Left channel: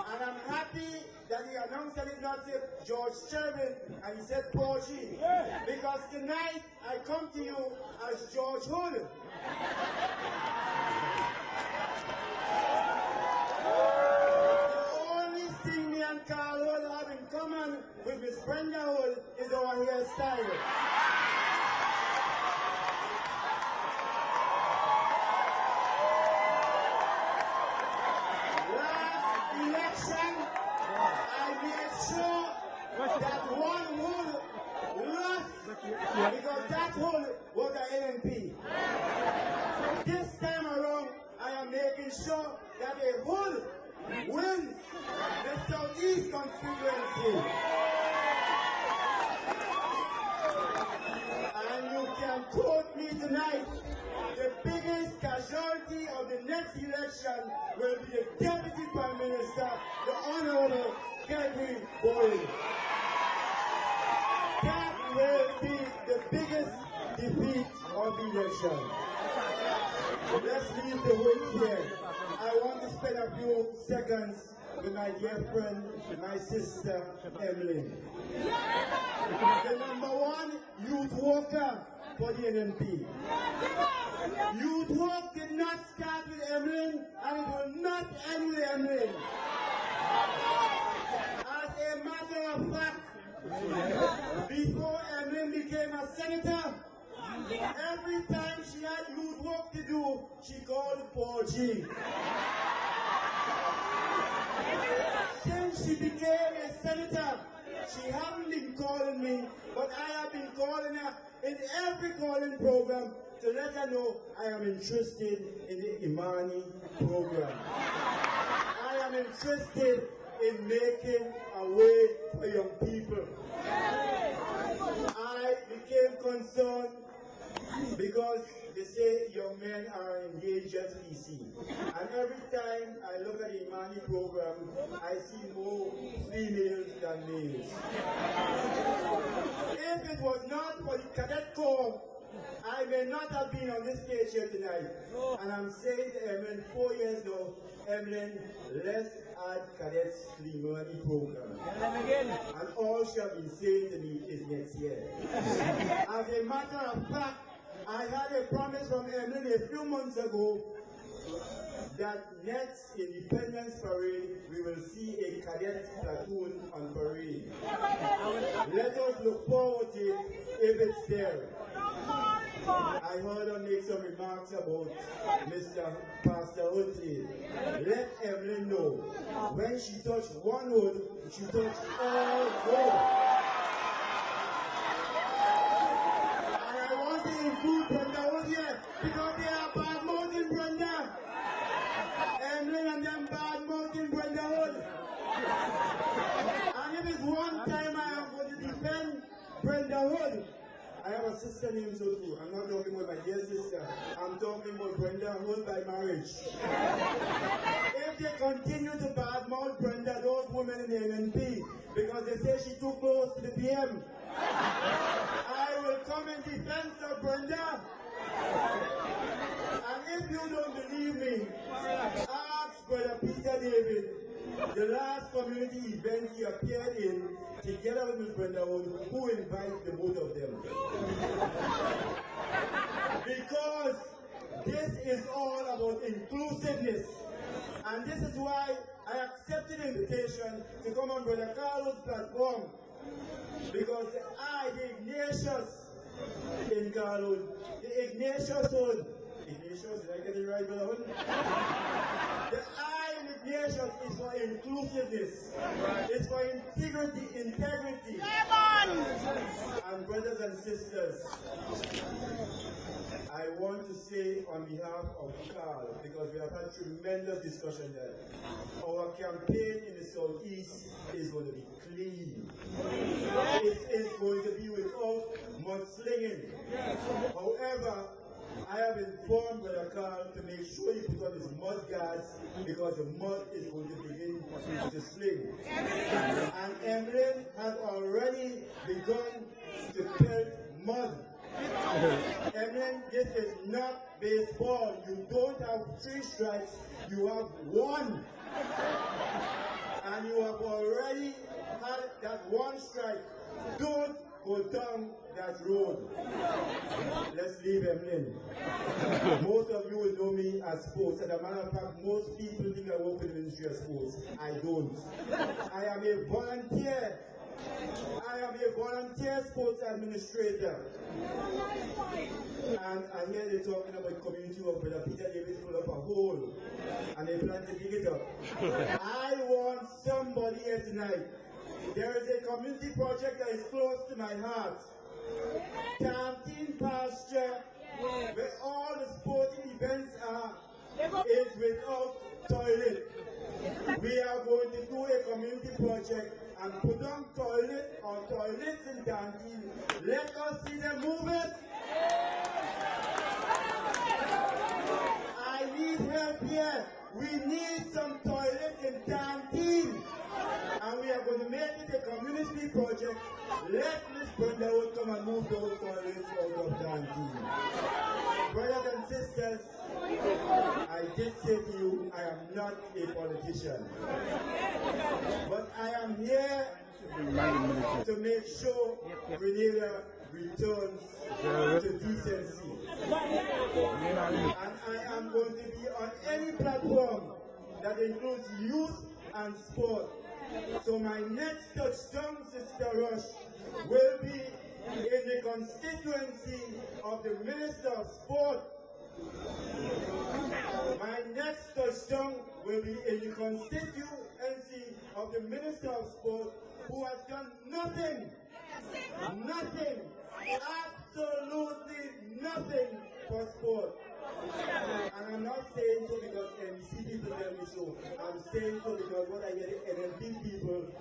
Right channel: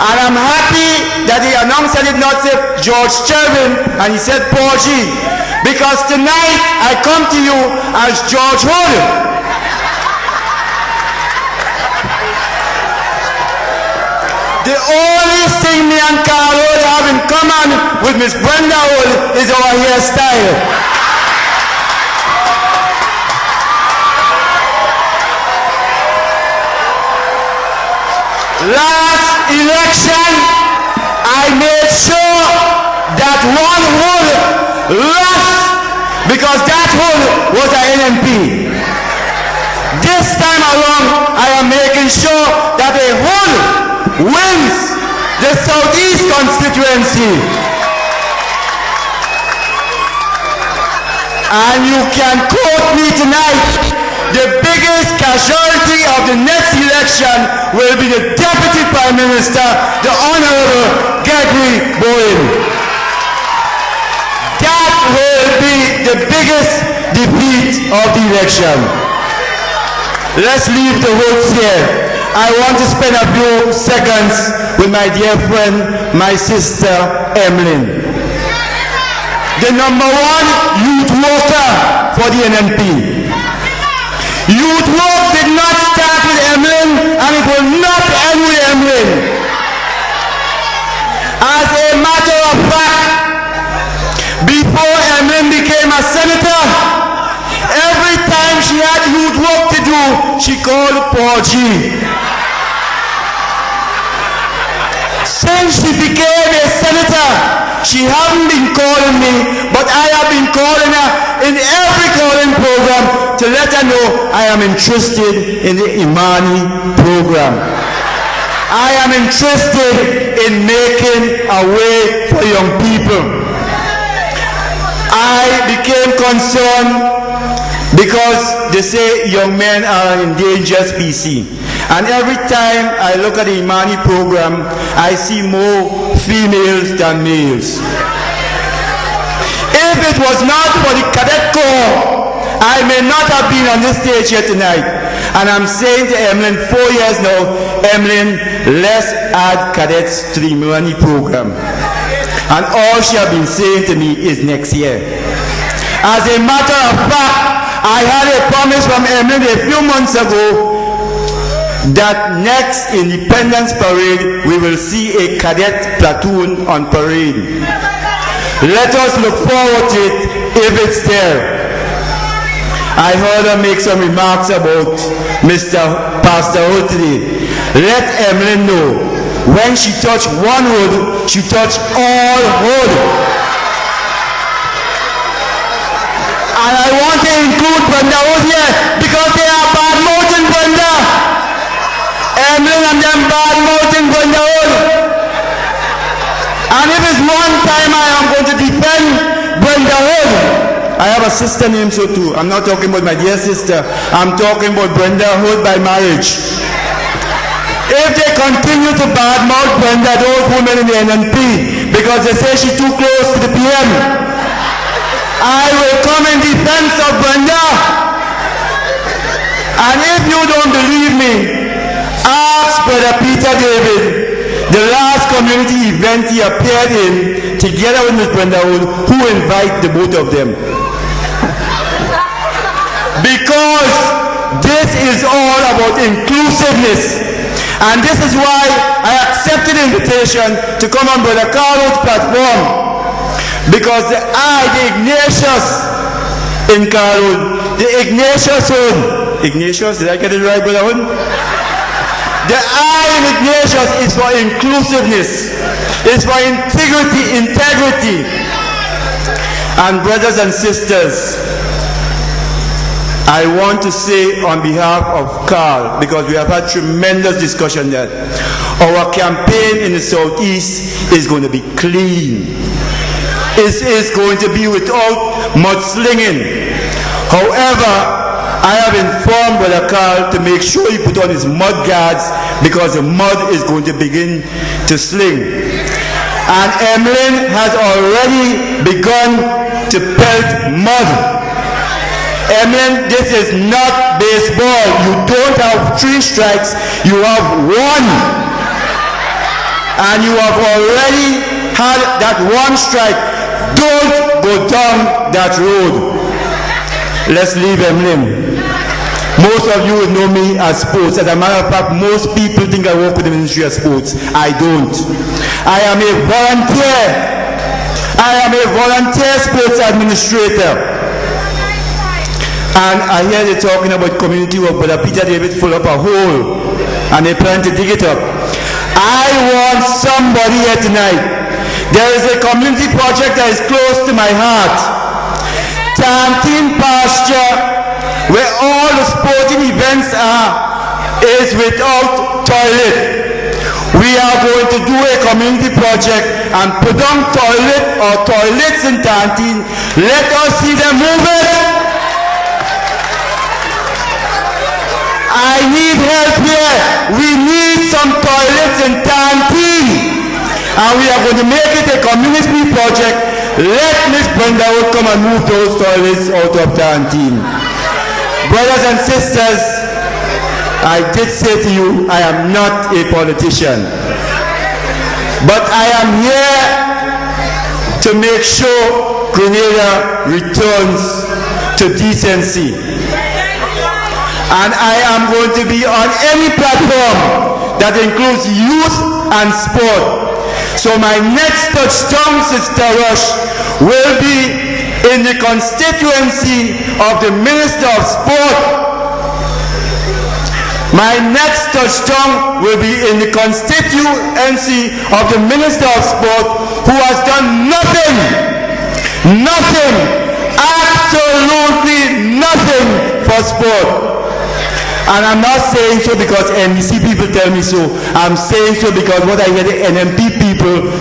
And I'm happy that he announced that he did not say George Chervin and he said Paul G. Because tonight I come to you as George Hood. The only thing me and Carl Hood have in common with Miss Brenda Hood is our hairstyle. Last election, I made sure that one Hood lost because that Hood was an NMP. This time around, I am making sure that a Hood wins the Southeast constituency. And you can quote me tonight. The biggest casualty of the next election will be the Deputy Prime Minister, the Honorable Gregory Bowen. That will be the biggest defeat of the election. Let's leave the votes here. I want to spend a few seconds with my dear friend, my sister, Emlyn. The number one youth worker for the NNP. Youth work did not start with Emlyn and it will not end with Emlyn. As a matter of fact, before Emlyn became a senator, every time she had youth work to do, she called Paul G. Since she became a senator, she hasn't been calling me, but I have been calling her in every calling program to let her know I am interested in the Imani program. I am interested in making a way for young people. I became concerned because they say young men are an endangered species. And every time I look at the Imani program, I see more females than males. If it was not for the Cadet Corps, I may not have been on this stage here tonight. And I'm saying to Emlyn, 4 years now, Emlyn, let's add cadets to the Imani program. And all she has been saying to me is next year. As a matter of fact, I had a promise from Emlyn a few months ago that next Independence Parade, we will see a cadet platoon on parade. Let us look forward to it if it's there. I heard her make some remarks about Mr. Pastor Hood today. Let Emlyn know, when she touched one Hood, she touched all Hood. And I want to include Brenda Hood here because they are bad mouthing Brenda. Emlyn and them bad mouthing Brenda Hood. And if it's one time I am going to defend Brenda Hood, I have a sister named so too. I'm not talking about my dear sister. I'm talking about Brenda Hood by marriage. If they continue to badmouth Brenda, those women in the NNP, because they say she's too close to the PM, I will come in defense of Brenda. And if you don't believe me, ask Brother Peter David, the last community event he appeared in, together with Ms. Brenda Hood, who invited the both of them. Because this is all about inclusiveness. And this is why I accepted the invitation to come on Brother Carlo's platform. Because the Ignatius in Carlo, the Ignatius Hood, Ignatius, did I get it right, Brother Hood? The I in Ignatius is for inclusiveness. It's for integrity. And brothers and sisters, I want to say on behalf of Carl, because we have had tremendous discussion that our campaign in the Southeast is going to be clean. It is going to be without mudslinging. However, I have informed Brother Carl to make sure he put on his mud guards because the mud is going to begin to sling. And Emlyn has already begun to pelt mud. Emlyn, this is not baseball. You don't have 3 strikes, you have 1. and you have already had that one strike. Don't go down that road. Let's leave Emlyn. Most of you would know me as sports. As a matter of fact, most people think I work with the Ministry of Sports. I don't. I am a volunteer. I am a volunteer sports administrator. And I hear they talking about community work, but Peter David full up a hole and they plan to dig it up. I want somebody here tonight. There is a community project that is close to my heart. Tantine Pasture, where all the sporting events are, is without toilet. We are going to do a community project and put on toilet or toilets in Tantine. Let us see them move it. I need help here. We need some toilets in Tantine. And we are going to make it a community project. Let Ms. Brenda come and move those toilets out of Tantine. Brothers and sisters, I did say to you, I am not a politician. But I am here to make sure Grenada returns to decency. And I am going to be on any platform that includes youth and sport. So my next touchdown, Sister Rush, will be in the constituency of the Minister of Sport. My next touchdown will be in the constituency of the Minister of Sport, who has done nothing, absolutely nothing for sport. And I'm not saying so because NBC people tell me so. I'm saying so because what I hear the NMP people